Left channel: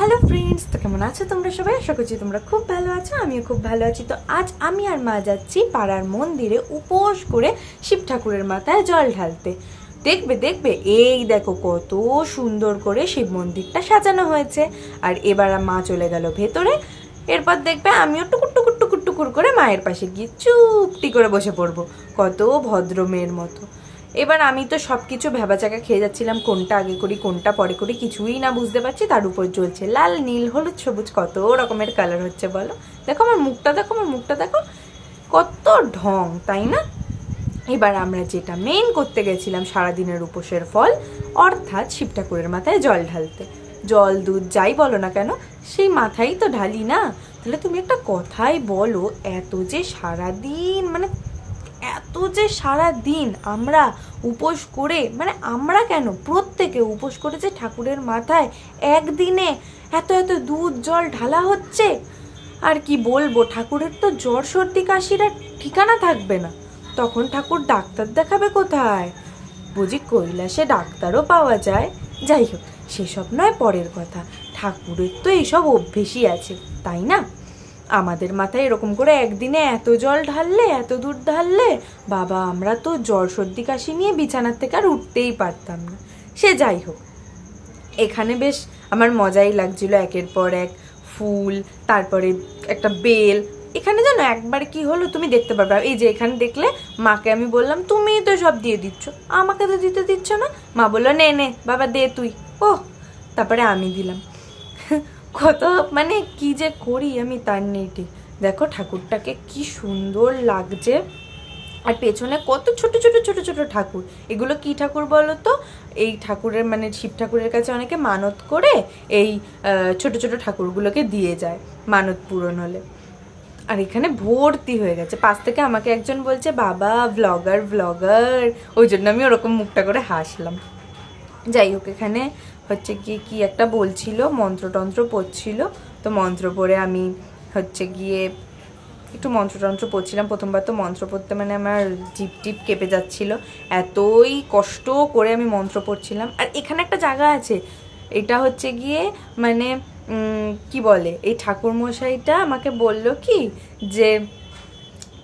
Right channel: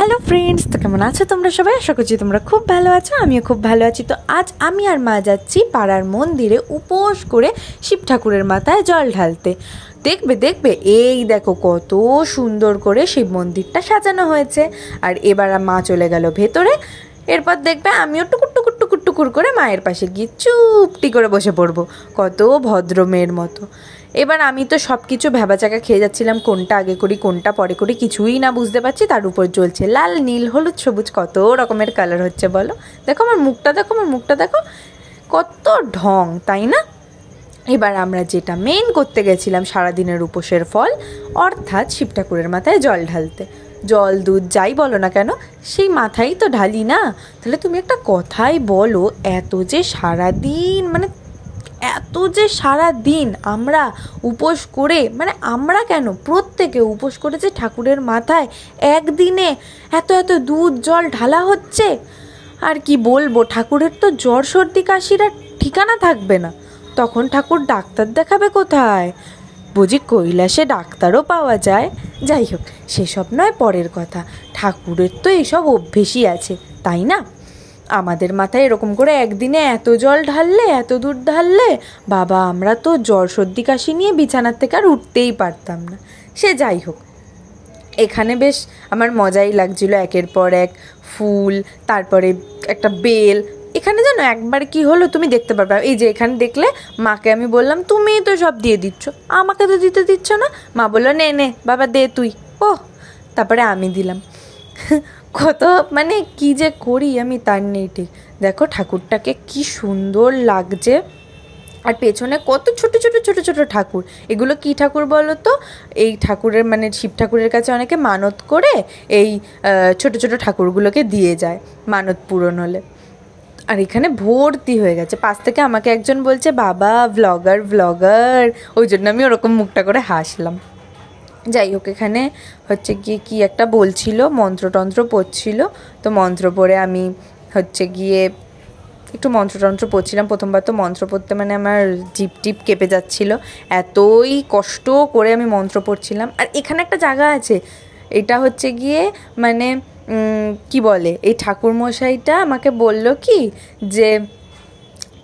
Hello friends, তো কেমন আছো তোমরা সবাই? আশা করছি তোমরা খুব ভালো আছো, আমিও খুব ভালো আছি। তো আজ আমি আর মা যাচ্ছি পাড়ার মন্দিরে উপোস করে শিব ঠাকুরের মাথায় জল ঢালতে। দেখবে দেখবে, এই দেখো কত সুন্দর করে শিব মন্দিরটা সাজানো হয়েছে। আর এবার মা চলে গেল ভেতরে। এরপর দেখবে আমিও টুকুর টুকুর টুকুর টুকুর করে মায়ের পাশে গিয়ে চুপটি করে বসে পড়বো, কত ভদ্র মেয়ের মতো। এবার আমি তো সব কিছু ভ্যাবাচাকা খেয়ে যাচ্ছিলাম, কোনটা আগে করি কোনটা পরে করি কিছুই না বুঝতে পারছি। তার উপর জ্বলছে লাল নীল হলুদ সবুজ, কত রকমের কালার হচ্ছে বলো। দেখো আমার মুখটা, দেখো আমার মুখটা, দেখো কত ঢং, তাই না? এবার আমরা যেটা মেন করতে গেছিলাম সারাদিনের উপোসের ফল, অর্থাৎ শিব ঠাকুরের মাথায় জল ঢালতে। জল দুধ যাই বলো না কেন, সেই মাথায় তো ঢালি না। তাহলে তুমি একটা কথাই বলো, এত যে সারা দিন আমরা উপোস করে, মানে আমরা কেন, প্রত্যেকে উপোস করে যে ঠাকুরের মাথায় একদিনে এত এত দুধ জল ঢালা হচ্ছে। আর কি বলবো, ঠাকুরের তো জ্বর সর্দি কাশির আর ঠিকানা থাকবে না। তখন ঠাকুর ডাক্তার দেখাবে কোথায়? বুঝি কৈলাসে ডাক্তারও পাওয়া যায়? যাই হোক, সেসব নয়, পরের কথা। ঠাকুরের তো এইসব অভ্যেসই আছে, তাই না? আমাদের মাথায় এরকম করে একদিনে এত জল ঢাললে, এত দুধ ঢাললে, বাবা আমরা তো জ্বর সর্দি কাশি নিয়ে বিছানার থেকে আর উঠতেই পারতাম না। সে যাই হোক, এখানে বেশ আমার মজাই লাগছিল। একের পর এক ফুল, তারপরে একটা বেল। এখানে জানো একবার কি হলো তুমি দেখতে পারবে, এই যে এখানে দেখলে মাকে আমি বললাম তুমি তো সব দিয়ে দিচ্ছ, আমাকে তো দিতে দিচ্ছ না। মা বললো নে নে বাবা দে তুই। ও, তারপরে আমি দিলাম। কত মানে কি যে করি আমি তার নেই ঠিক। দেখো ঠাকুরটাকে কি সুন্দর লাগছে, আর পেছনে কত ছোট ছোট ছোট ছোট ঠাকুর। এগুলো কি ঠাকুর বলো তো? এই ঠাকুরের মানে শিব ঠাকুরের কাছে অনেকে মানত করে এই ছোট ছোট ঠাকুরগুলোকে দিয়ে যায় মানত পূরণ হলে। আর এখানে ভর্তি হয়ে গেছে। পাশ থেকে আমাকে একজন বলছে বাবা ভ্লগার ভ্লগার, ওই জন্য আমি ওরকম মুখটা করে হাসলাম। যাই হোক, এখানে হচ্ছে গিয়ে কি একটা বলছিল, মন্ত্রতন্ত্র পড়ছিল। তো মন্ত্র পড়ে আমি হচ্ছে গিয়ে একটু মন্ত্রতন্ত্র পড়ছিলাম। প্রথমবার তো মন্ত্র পড়তে মানে আমার জিপ টিপ কেঁপে যাচ্ছিল, এতই কষ্ট করে আমি মন্ত্র পড়ছিলাম। আর এখানে একটা জায়গা আছে, এটা হচ্ছে গিয়ে মানে কি বলে, এই ঠাকুরমশাইটা আমাকে বলল কি যে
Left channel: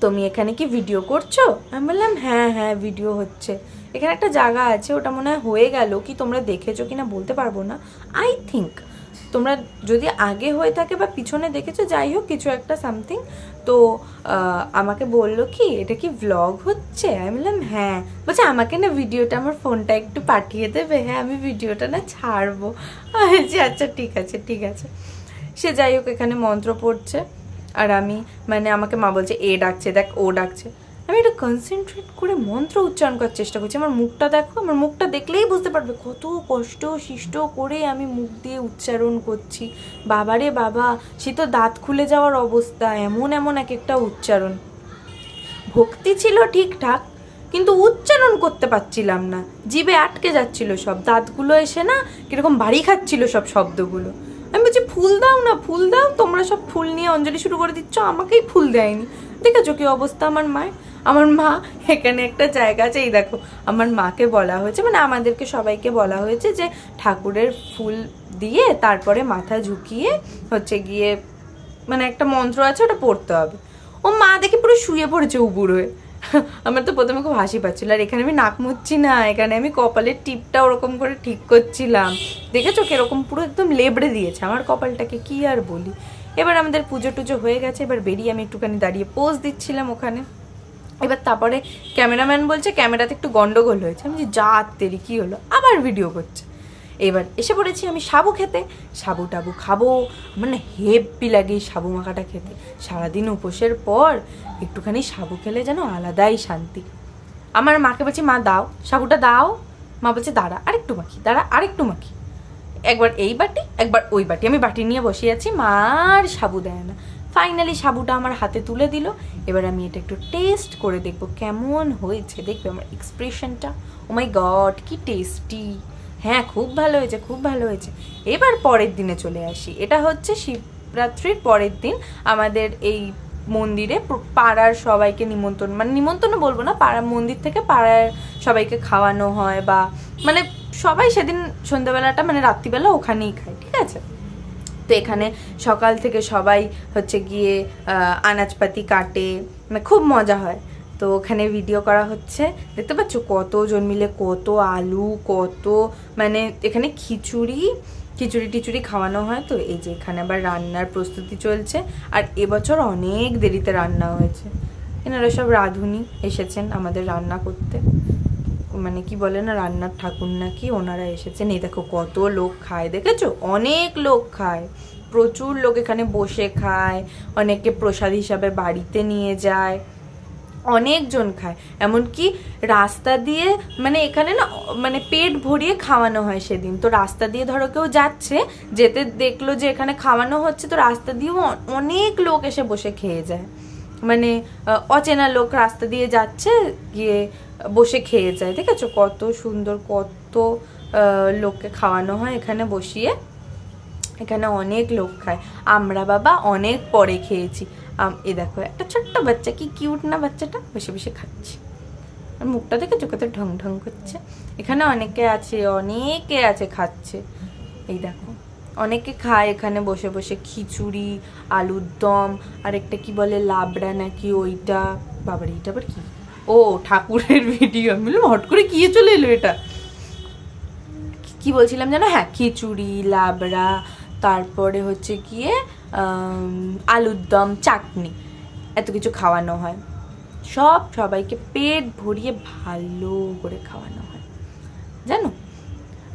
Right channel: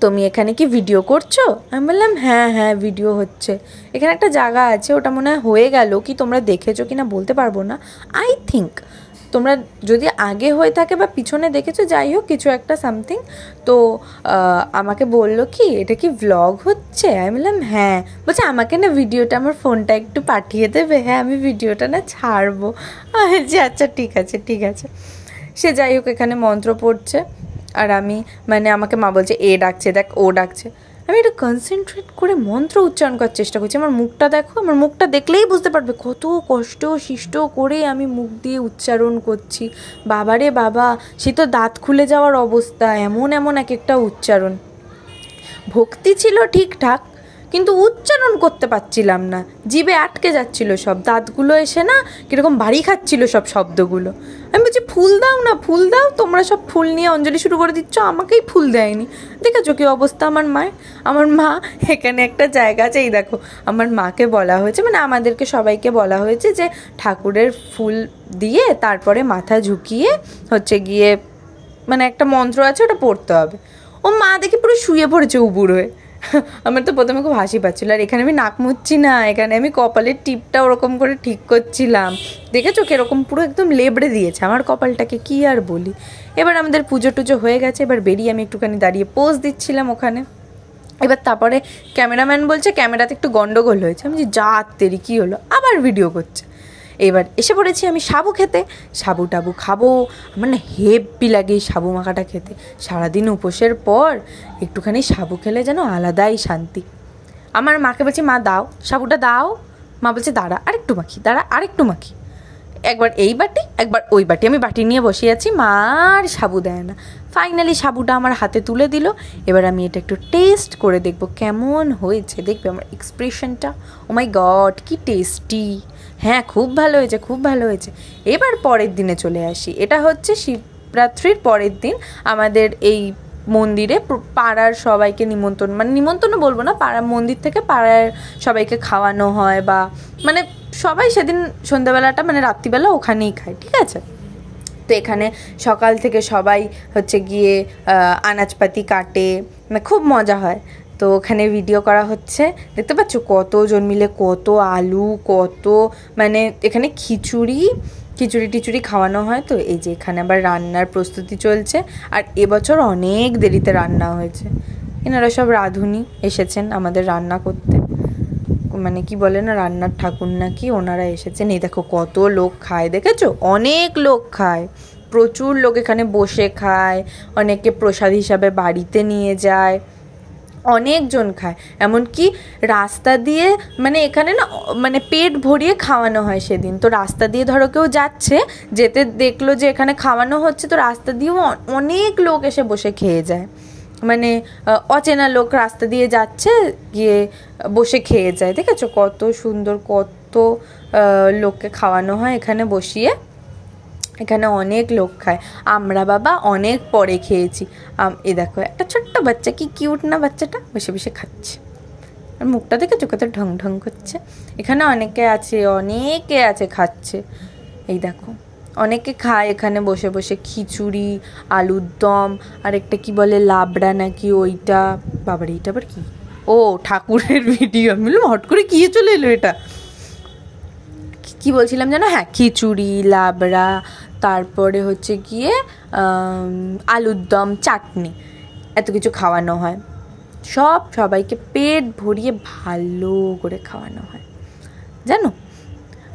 তুমি এখানে কি ভিডিও করছো? আমি বললাম হ্যাঁ হ্যাঁ ভিডিও হচ্ছে। এখানে একটা জায়গা আছে, ওটা মনে হয় হয়ে গেল কি, তোমরা দেখেছো কি না বলতে পারবো না। আই থিঙ্ক তোমরা যদি আগে হয়ে থাকে বা পিছনে দেখেছো, যাই হোক কিছু একটা সামথিং। তো আমাকে বললো কি এটা কি ভ্লগ হচ্ছে? আমি বললাম হ্যাঁ। বলছে আমাকে না ভিডিওটা, আমার ফোনটা একটু পাঠিয়ে দেবে। হ্যাঁ আমি ভিডিওটা না ছাড়বো। যে আচ্ছা ঠিক আছে ঠিক আছে। সে যাই হোক, এখানে মন্ত্র পড়ছে আর আমি মানে আমাকে মা বলছে এ ডাকছে দেখ, ও ডাকছে। আমি একটু কনসেন্ট্রেট করে মন্ত্র উচ্চারণ করার চেষ্টা করছি। আমার মুখটা দেখো, আমার মুখটা দেখলেই বুঝতে পারবে কত কষ্ট সৃষ্ট করে আমি মুখ দিয়ে উচ্চারণ করছি। বাবারে বাবা, সে তো দাঁত খুলে যাওয়ার অবস্থা, এমন এমন এক একটা উচ্চারণ। ভক্তি ছিল ঠিকঠাক, কিন্তু উচ্চারণ করতে পারছিলাম না, জিভে আটকে যাচ্ছিল সব, দাঁতগুলো এসে না কীরকম বাড়ি খাচ্ছিল সব শব্দগুলো। আমি বলছি ফুল দাও না, ফুল দাও, তোমরা সব ফুল নিয়ে অঞ্জলি শুরু করে দিচ্ছ, আমাকেই ফুল দেয়নি। দেখেছো কি অবস্থা আমার মায়ের। আমার মা, এখানে একটা জায়গা আছে, এই দেখো আমার মাকে বলা হয়েছে, মানে আমাদেরকে সবাইকে বলা হয়েছে যে ঠাকুরের ফুল দিয়ে তারপরে মাথা ঝুঁকিয়ে হচ্ছে গিয়ে মানে একটা মন্ত্র আছে ওটা পড়তে হবে। ও মা দেখি পুরো শুয়ে পড়েছে উবুর হয়ে। আমার তো প্রথমে খুব হাসি পাচ্ছিল। আর এখানে আমি নাক মুচ্ছি না, এখানে আমি কপালের টিপটা ওরকম করে ঠিক করছিলাম। দেখেছো কিরকম পুরো একদম লেবড়ে দিয়েছে আমার কপালটাকে, কি আর বলি। এবার আমাদের পুজো টুজো হয়ে গেছে, এবার বেরিয়ে আমি একটুখানি দাঁড়িয়ে পোজ দিচ্ছিলাম ওখানে। এবার তারপরে ক্যামেরাম্যান বলছে ক্যামেরাতে একটু গন্ডগোল হয়েছে। আমি যে যা তেরি কী হলো, আবার ভিডিও করছে। এবার এসে পড়েছি আমি সাবু খেতে। সাবু টাবু খাবো, আমার না হেব্বি লাগে এই সাবু মাখাটা খেতে। সারাদিন উপোসের পর একটুখানি সাবু খেলে যেন আলাদাই শান্তি। আমার মাকে বলছে মা দাও সাবুটা দাও। মা বলছে দাঁড়া আরেকটু মাখি, দাঁড়া আরেকটু মাখি। একবার এই বাটি একবার ওই বাটি, আমি বাটি নিয়ে বসে আছি, মা আর সাবু দেয় না। ফাইনালি সাবুটা আমার হাতে তুলে দিল। এবার আমি এটা একটু টেস্ট করে দেখবো কেমন হয়েছে। দেখবে আমার এক্সপ্রেশনটা, ও মাই গড কি টেস্টি। হ্যাঁ খুব ভালো হয়েছে, খুব ভালো হয়েছে। এবার পরের দিনে চলে আসি, এটা হচ্ছে শিবরাত্রির পরের দিন। আমাদের এই মন্দিরে পাড়ার সবাইকে নিমন্ত্রণ, মানে নিমন্ত্রণ বলবো না, পাড়ার মন্দির থেকে পাড়ার সবাইকে খাওয়ানো হয়, বা মানে সবাই সেদিন সন্ধ্যাবেলাটা মানে রাত্রিবেলা ওখানেই খায়, ঠিক আছে। তো এখানে সকাল থেকে সবাই হচ্ছে গিয়ে আনাজপাতি কাটে, মানে খুব মজা হয়। তো ওখানে ভিডিও করা হচ্ছে, দেখতে পাচ্ছ কতজন মিলে কত আলু, কত মানে এখানে খিচুড়ি টিচুড়ি খাওয়ানো হয়। তো এই যে এখানে আবার রান্নার প্রস্তুতি চলছে, আর এবছর অনেক দেরিতে রান্না হয়েছে। এনারা সব রাঁধুনি এসেছেন আমাদের রান্না করতে, মানে কি বলে না, রান্নার ঠাকুর নাকি, ওনারা এসেছেন। এই দেখো কত লোক খায়, দেখেছো অনেক লোক খায়, প্রচুর লোক এখানে বসে খায়, অনেকে প্রসাদ হিসাবে বাড়িতে নিয়ে যায়, অনেকজন খায়। এমনকি রাস্তা দিয়ে, মানে এখানে না মানে পেট ভরিয়ে খাওয়ানো হয় সেদিন। তো রাস্তা দিয়ে ধরো কেউ যাচ্ছে, যেতে দেখলো যে এখানে খাওয়ানো হচ্ছে, তো রাস্তা দিয়েও অনেক লোক এসে বসে খেয়ে যায়। মানে অচেনা লোক রাস্তা দিয়ে যাচ্ছে, গিয়ে বসে খেয়ে যায়। দেখেছো কত সুন্দর, কত লোককে খাওয়ানো হয় এখানে বসিয়ে। এখানে অনেক লোক খায়, আমরা বাবা অনেক পরে খেয়েছি। এ দেখো একটা ছোট্ট বাচ্চা, কি কিউট না বাচ্চাটা, বসে বসে খাচ্ছে, আর মুখটা দেখেছো কত ঢং ঢং করছে। এখানে অনেকে আছে খাচ্ছে, এই দেখো অনেকে খায় এখানে বসে বসে খিচুড়ি, আলুর দম, আর একটা কি বলে লাবড়া নাকি, ওইটা। বাবার এইটা আবার কি? ও ঠাকুরের ভিডিও, আমি বললাম হট করে কি চলে এলো এটা, কি বলছিলাম জানো, হ্যাঁ খিচুড়ি, লাবড়া, তারপরে হচ্ছে গিয়ে আলুর দম, চাটনি, এত কিছু খাওয়ানো হয়। সবাইকে পেট ভরিয়ে ভালো করে খাওয়ানো হয় জানো।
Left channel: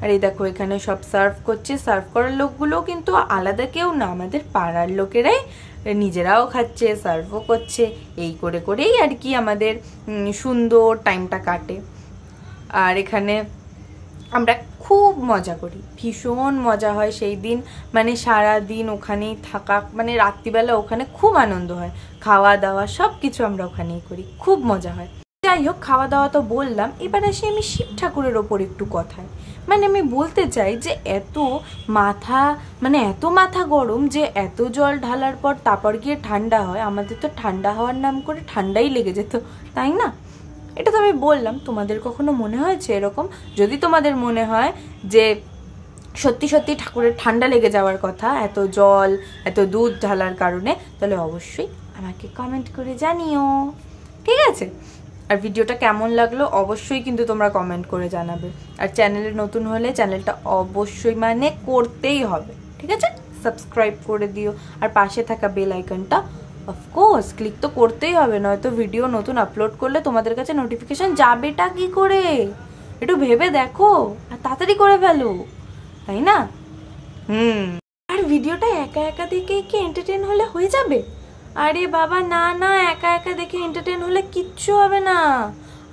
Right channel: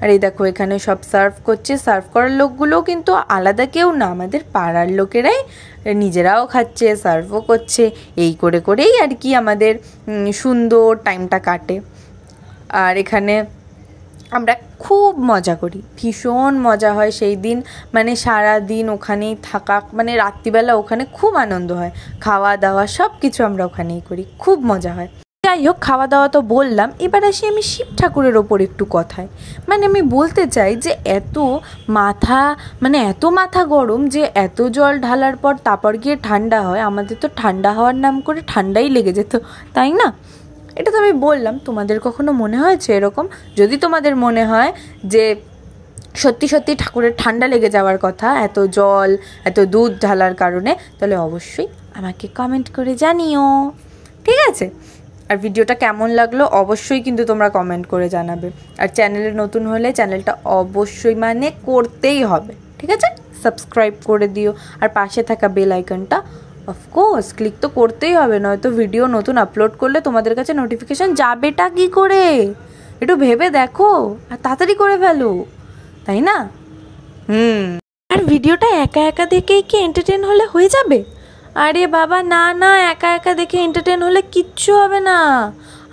আর এই দেখো এখানে সব সার্ভ করছে, সার্ভ করার লোকগুলোও কিন্তু আলাদা কেউ না, আমাদের পাড়ার লোকেরাই, নিজেরাও খাচ্ছে, সার্ভও করছে। এই করে করেই আর কি আমাদের সুন্দর টাইমটা কাটে। আর এখানে আমরা খুব মজা করি, ভীষণ মজা হয় সেই দিন, মানে সারা দিন ওখানেই থাকা, মানে রাত্রিবেলা ওখানে খুব আনন্দ হয়, খাওয়া দাওয়া সব কিছু আমরা ওখানেই করি, খুব মজা হয়। যাই হোক, খাওয়া দাওয়া তো বললাম, এবার আসি আমি শিব ঠাকুরের ওপর একটু কথায়। মানে আমি বলতে চাই যে এত মাথা গরম যে এত জল ঢালার পর তারপর গিয়ে ঠান্ডা হয়, আমাদের তো ঠান্ডা হওয়ার নাম করে ঠান্ডাই লেগে যেত, তাই না? এটা তো আমি বললাম, তোমাদের কখনো মনে হয়েছে এরকম? যদি তোমাদের মনে হয় যে সত্যি সত্যি ঠাকুরের ঠান্ডা লেগে যাওয়ার কথা এত জল, এত দুধ ঢালার কারণে, তাহলে অবশ্যই আমাকে কমেন্ট করে জানিও, ঠিক আছে? আর ভিডিওটা কেমন লাগলো অবশ্যই কিন্তু তোমরা কমেন্ট করে জানাবে। আর চ্যানেলে নতুন হলে চ্যানেলটা অবশ্যই মানে করতেই হবে, ঠিক আছে? সাবস্ক্রাইব করে দিও, আর পাশে থাকা বেল আইকনটা অফকোর্স ক্লিক তো করতেই হবে, নয়তো ভিডিও নতুন আপলোড করলে তোমাদের কাছে নোটিফিকেশান যাবেটা কি করে, একটু ভেবে দেখো, আর তাড়াতাড়ি করে ফেলো, তাই না? আর ভিডিওটা একা একা দেখেই কি এন্টারটেন হলে হয়ে যাবে? আরে বাবা না না, একা একা দেখে এন্টারটেন হলে কিচ্ছু হবে না।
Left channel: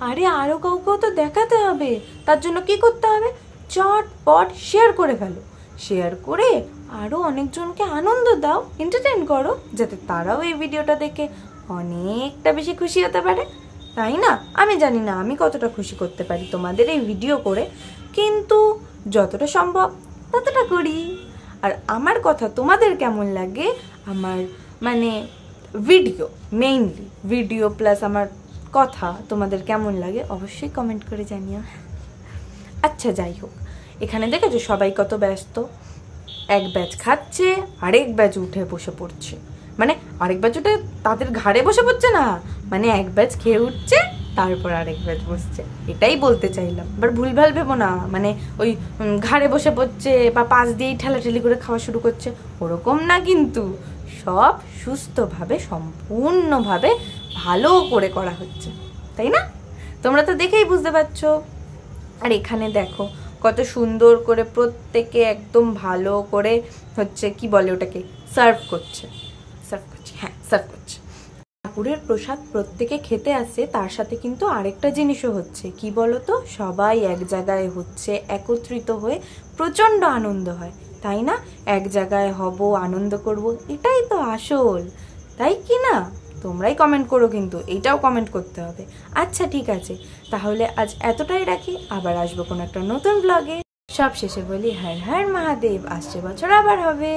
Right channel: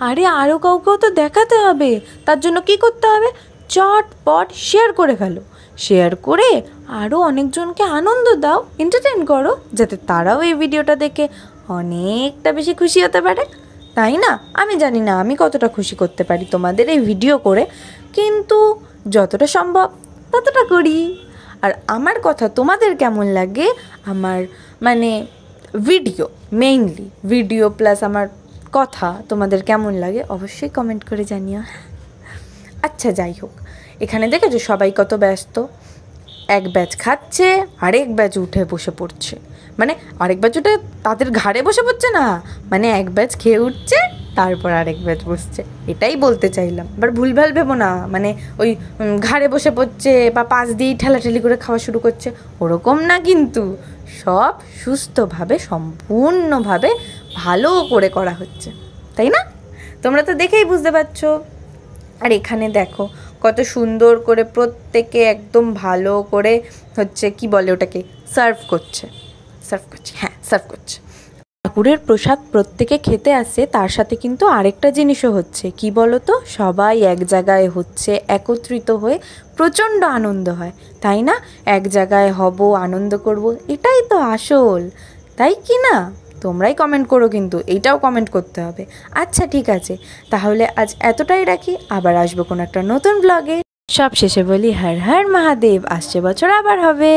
আরে আরও কাউকেও তো দেখাতে হবে, তার জন্য কি করতে হবে? চটপট শেয়ার করে ফেলো, শেয়ার করে আরও অনেকজনকে আনন্দ দাও, এন্টারটেন করো, যাতে তারাও এই ভিডিওটা দেখে অনেকটা বেশি খুশি হতে পারে, তাই না? আমি জানি না আমি কতটা খুশি করতে পারি তোমাদের এই ভিডিও করে, কিন্তু যতটা সম্ভব ততটা করি। আর আমার কথা তোমাদের কেমন লাগে, আমার মানে ভিডিও, মেইনলি ভিডিও প্লাস আমার কথা তোমাদের কেমন লাগে অবশ্যই কমেন্ট করে জানিও। আচ্ছা যাই হোক, এখানে দেখেছো সবাই কত ব্যস্ত, এক ব্যাচ খাচ্ছে, আরেক ব্যাচ উঠে বসে পড়ছে, মানে আরেক ব্যাচ উঠে তাদের ঘাড়ে বসে পড়ছে না, মানে এক ব্যাচ খেয়ে উঠছে, তারপর আরেক ব্যাচ বসছে, এটাই বলতে চাইলাম। এবার ভুলভাল ভেবো না, মানে ওই ঘাড়ে বসে পড়ছে বা পাশ দিয়েই ঠেলাঠেলি করে খাওয়া শুরু করছে, ওরকম না কিন্তু, সব সুস্থভাবে সম্পূর্ণভাবে ভালো করে করা হচ্ছে, তাই না? তোমরা তো দেখেই বুঝতে পারছো। আর এখানে দেখো কত সুন্দর করে প্রত্যেকে একদম ভালো করে হচ্ছে কি বলে ওটাকে, সার্ভ করছে, হ্যাঁ সার্ভ করছে। ঠাকুরের প্রসাদ প্রত্যেকে খেতে আসে, তার সাথে কিন্তু আরেকটা জিনিসও হচ্ছে, কি বলো তো, সবাই এক জায়গায় হচ্ছে, একত্রিত হয়ে প্রচণ্ড আনন্দ হয়, তাই না? এক জায়গায় হব, আনন্দ করব, এটাই তো আসল, তাই কি না? তোমরাই কমেন্ট করো, কিন্তু এইটাও কমেন্ট করতে হবে। আচ্ছা ঠিক আছে, তাহলে আজ এতটাই রাখি, আবার আসবো কোনো একটা নতুন ব্লগে। সব শেষে বলি হর হর মহাদেব, আসছে বছর আবার হবে।